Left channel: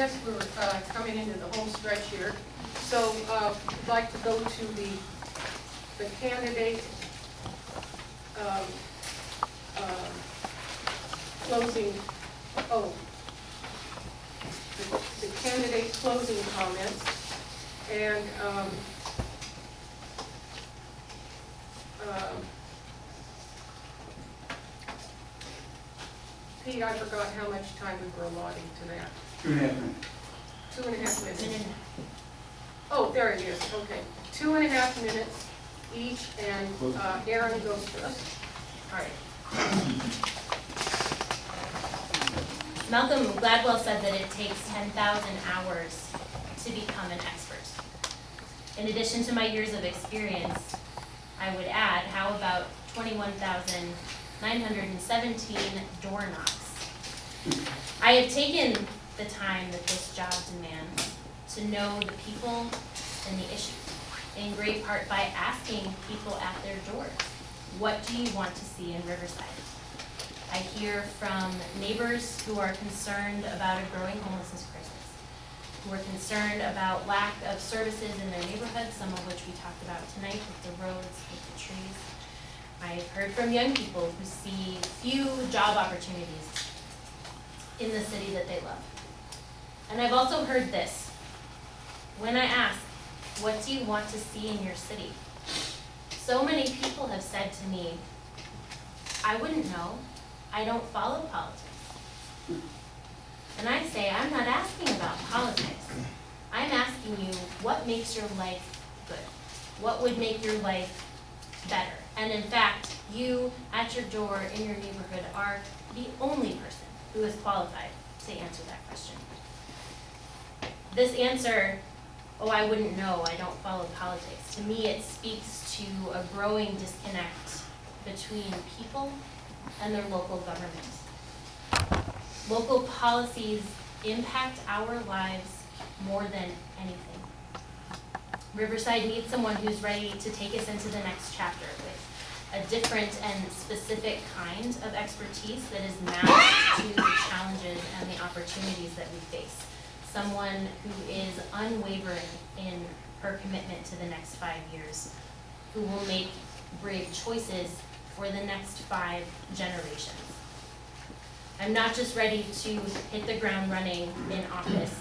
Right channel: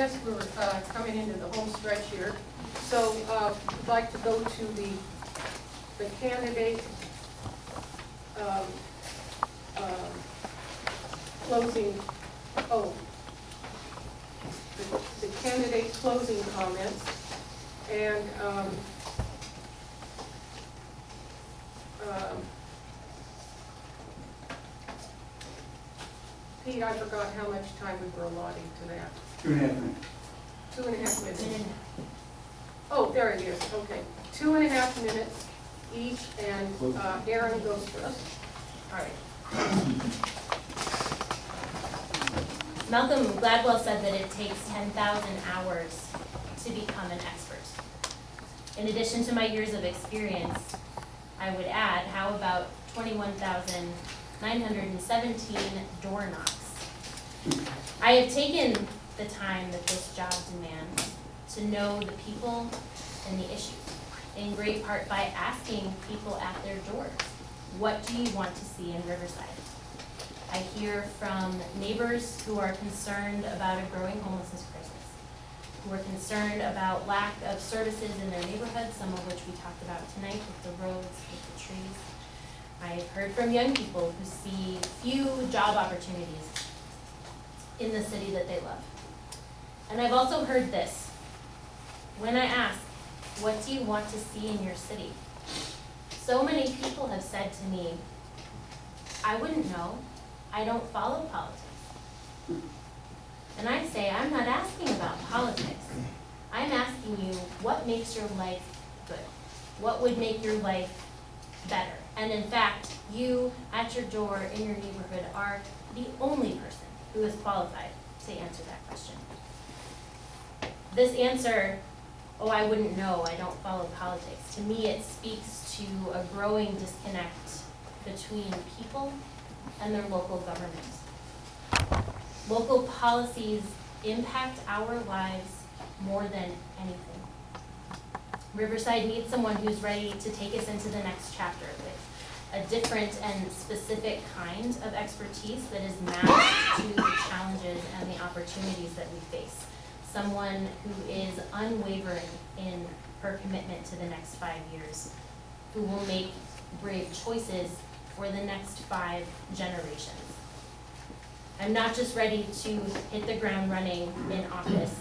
guess we're coming into the home stretch here. So I'd like to go to the candidate closing, the candidate closing comments. And Pete, I forgot how much time we were allotting to that. 2.5 minutes. 2.5 minutes. Oh, there it is, okay. 2.5 minutes each, and Aaron goes first. All right. Malcolm Gladwell said that it takes 10,000 hours to become an expert. In addition to my years of experience, I would add, how about 21,917 door knocks? I have taken the time that this job demands to know the people and the issues, in great part by asking people at their doors, what do you want to see in Riverside? I hear from neighbors who are concerned about a growing homelessness crisis, who are concerned about lack of services in their neighborhood, some of which we talked about tonight with the roads, with the trees. I've heard from young people who see few job opportunities in the city that they love. And I've also heard this. When I ask, what do you want to see in your city? So many people have said to me, I wouldn't know. I don't follow politics. And I say, I'm not asking about politics. I'm asking you, what makes your life good? What would make your life better? And in fact, you at your door in your neighborhood are the only person who is qualified to answer that question. This answer, oh, I wouldn't know, I don't follow politics, to me it speaks to a growing disconnect between people and their local government. Local policies impact our lives more than anything. Riverside needs someone who's ready to take us into the next chapter with a different and specific kind of expertise that is matched to the challenges and the opportunities that we face. Someone who is unwavering in her commitment to the next 5 years, who will make brave choices for the next 5 generations. I'm not just ready to hit the ground running in office,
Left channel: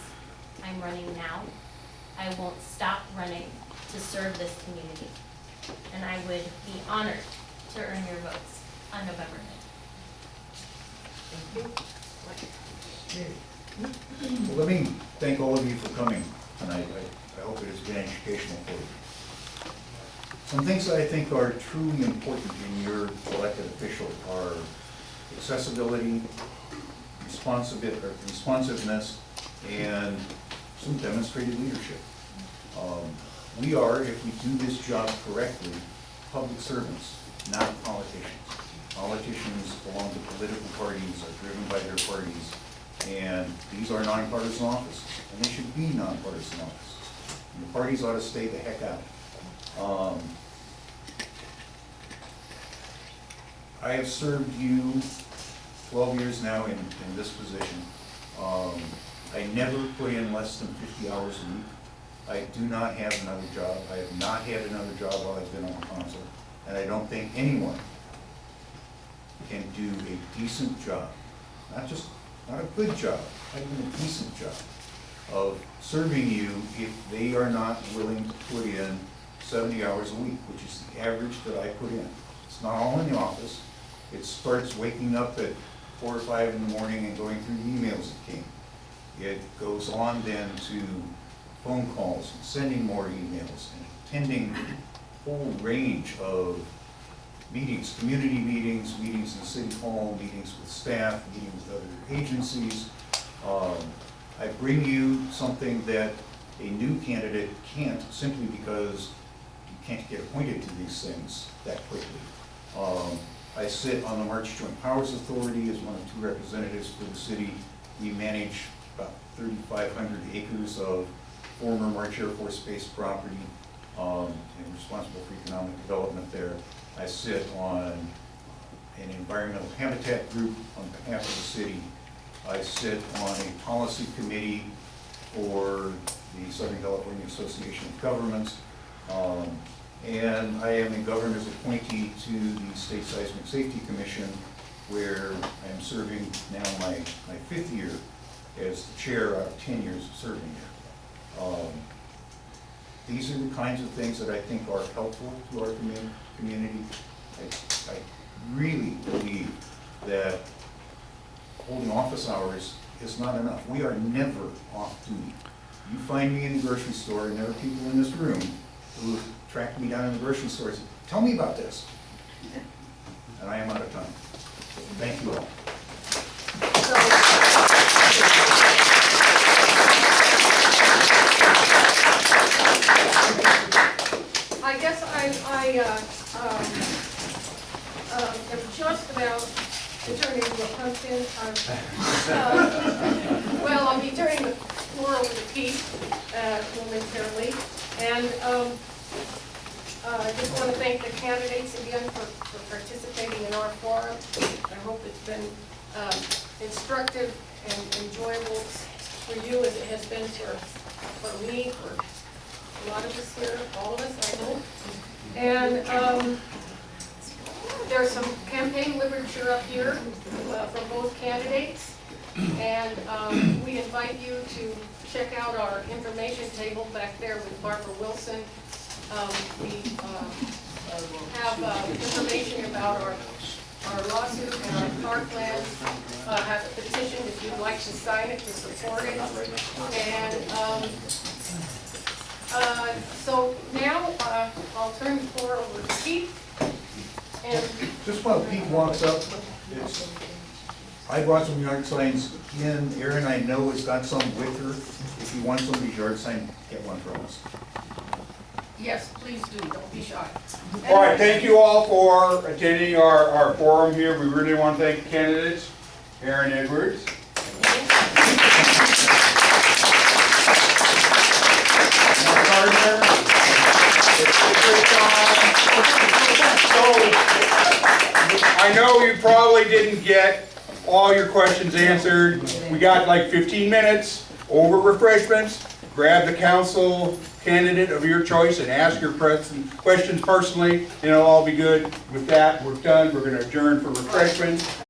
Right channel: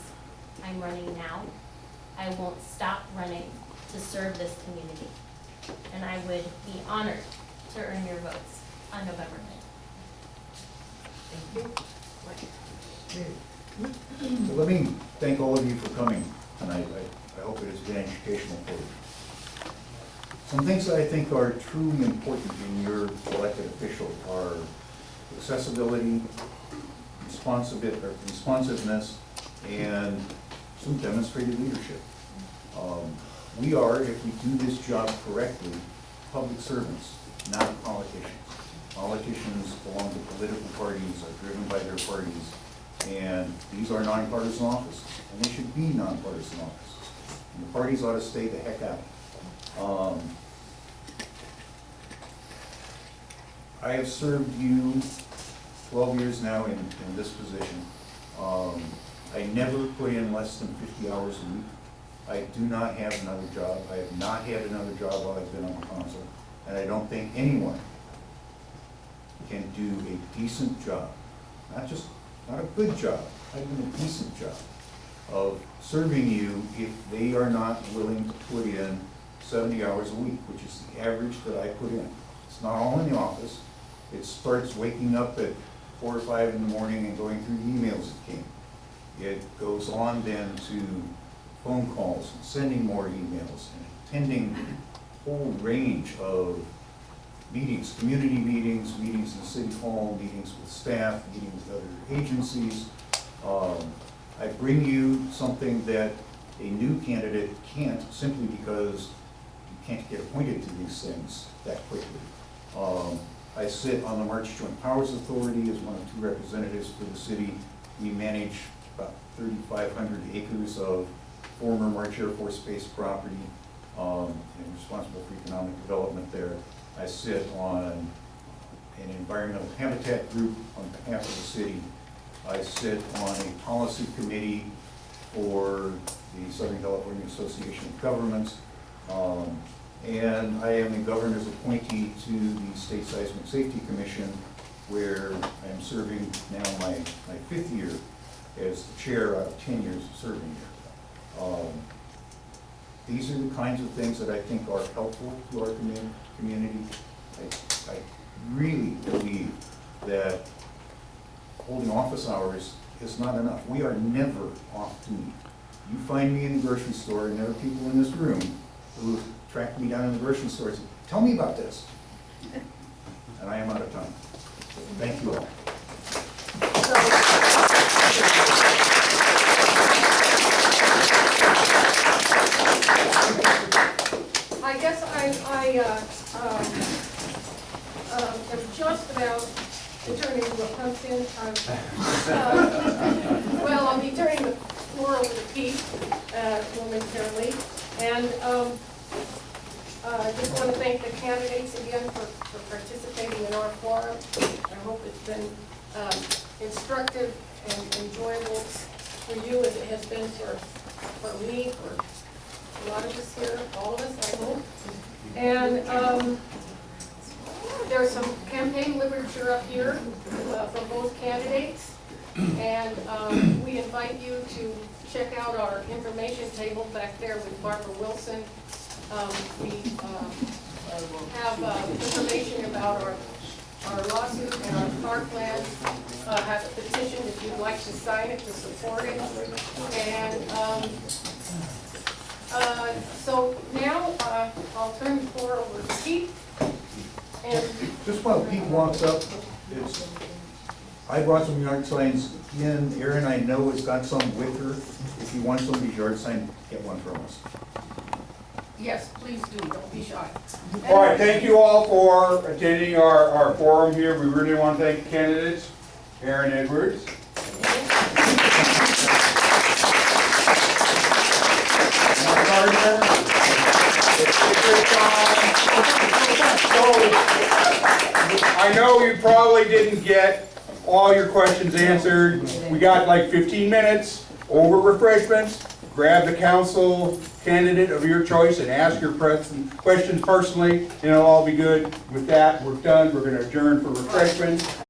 I'm running now. I won't stop running to serve this community. And I would be honored to earn your votes on November 9th. Thank you. Well, let me thank all of you for coming tonight. I hope it has been educational for you. Some things that I think are truly important in your elected official are accessibility, responsiveness, and some demonstrated leadership. We are, if we do this job correctly, public servants, not politicians. Politicians belong to political parties, are driven by their parties, and these are nonpartisan offices, and they should be nonpartisan offices. And the parties ought to stay the heck out. I have served you 12 years now in this position. I never put in less than 50 hours a week. I do not have another job. I have not had another job while I've been on the council, and I don't think anyone can do a decent job, not a good job, not even a decent job of serving you if they are not willing to put in 70 hours a week, which is the average that I put in. It's not all in the office. It starts waking up at 4 or 5 in the morning and going through the emails that came. It goes on then to phone calls and sending more emails and attending a whole range of meetings, community meetings, meetings in City Hall, meetings with staff, meetings with other agencies. I bring you something that a new candidate can't, simply because you can't get appointed to these things that quickly. I sit on the March Joint Powers Authority as one of 2 representatives for the city. We manage about 3,500 acres of former March Air Force Base property, and responsible for economic development there. I sit on an environmental habitat group on behalf of the city. I sit on a policy committee for the Southern California Association of Governments. And I am a governor's appointee to the State Seismic Safety Commission, where I'm serving now my 5th year as the chair out of 10 years of serving here. These are the kinds of things that I think are helpful to our community. I really believe that holding office hours is not enough. We are never off duty. You find me in the grocery store, and there are people in this room who track me down in the grocery store and say, tell me about this. And I am out of time. So thank you all. I guess I am just about to turn into a pumpkin. Well, I'll be turning the floor over to Pete momentarily. And I just want to thank the candidates again for participating in our forum. I hope it's been instructive and enjoyable for you as it has been for me, for a lot of us here, all of us, I hope. And there's some campaign literature up here from both candidates. And we invite you to check out our information table back there with Barbara Wilson. We have information about our lawsuit and our parkland. Have a petition if you'd like to sign it to support it. And so now I'll turn the floor over to Pete. And just while Pete walks up, I brought some yard signs in. Erin, I know, has got some with her. If you want somebody's yard sign, get one from us. yes, please do. Don't be shy. All right, thank you all for attending our forum here. We really want to thank the candidates. Erin Edwards. Mark Gardner. So, I know you probably didn't get all your questions answered. We got like 15 minutes over refreshments. Grab the council candidate of your choice and ask your questions personally, and it'll all be good. With that, we're done. We're going to adjourn for refreshments.